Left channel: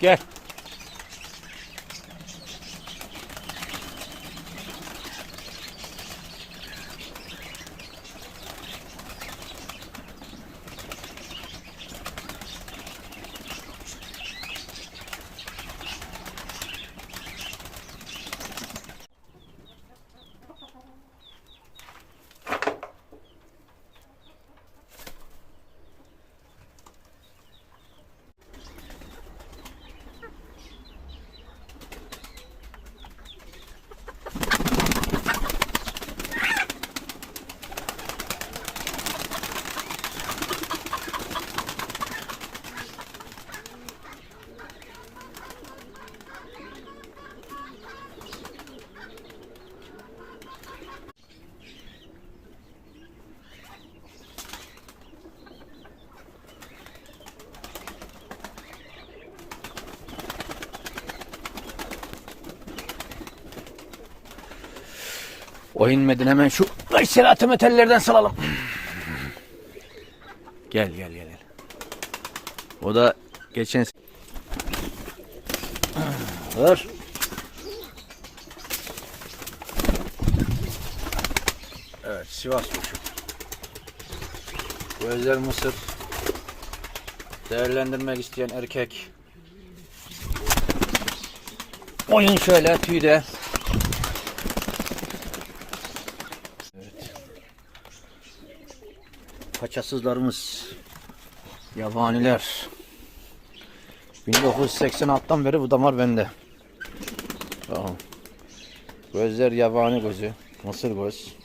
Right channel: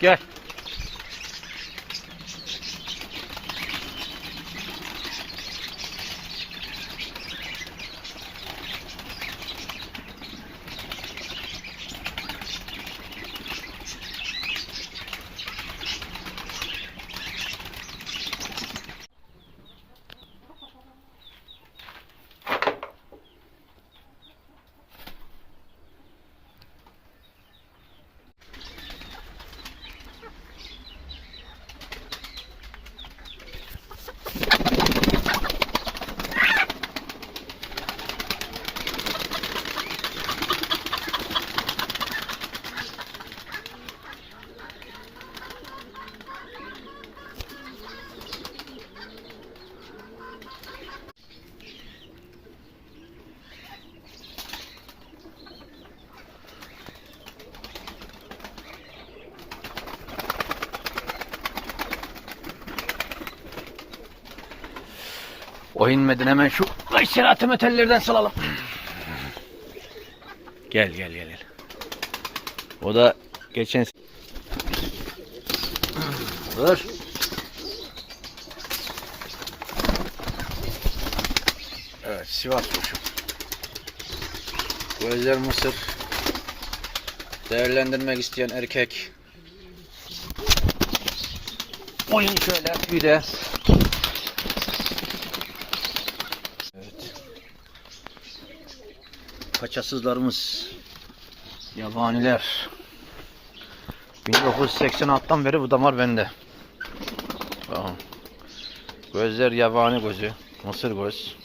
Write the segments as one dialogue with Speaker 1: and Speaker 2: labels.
Speaker 1: Gel. O inmeden hemen şu aşiratı metallerden salalım. Gel gel gel. gel. O da geçen Var. Evet Sivas kuşu. Gözler mısır. Değerlendirmek isteyen erkek. Oyun şöyle tüyde. Kaçasızlarımız. Yabaniler. 1986'dan beri bu damar bende. Gözler yabani gözü. Mısır göz.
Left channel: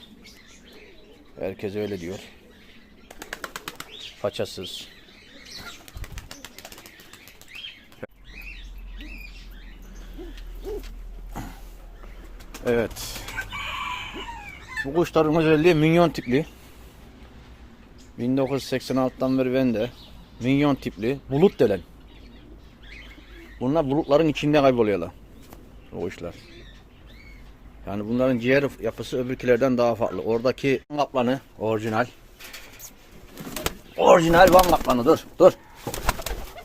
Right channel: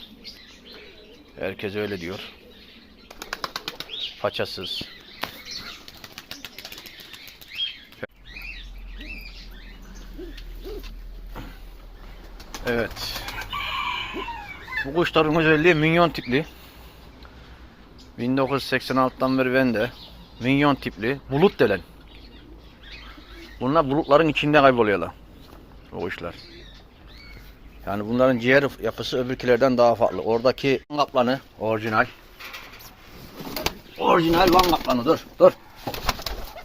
Speaker 1: Herkes öyle diyor. Paçasız. Evet. Bu kuşların özelliği minyon tipli. 1986'dan beri bende. Minyon tipli. Bulut delen. Bunlar bulutların içinde kayboluyorlar. O kuşlar. Yani bunların ciğer yapısı öbürkilerden daha farklı. Oradaki kaplanı orijinal. Orijinal Van kaplanı dur dur.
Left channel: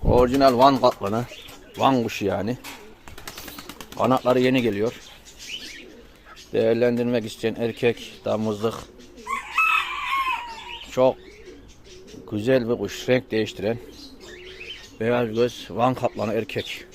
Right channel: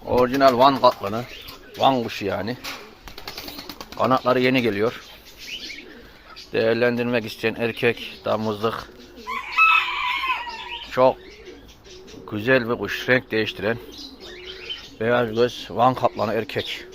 Speaker 1: Orijinal Van kaplanı. Van kuşu yani. Kanatları yeni geliyor. Değerlendirmek isteyen erkek damızlık. Çok güzel bir kuş renk değiştiren. Beyaz göz Van kaplanı erkek.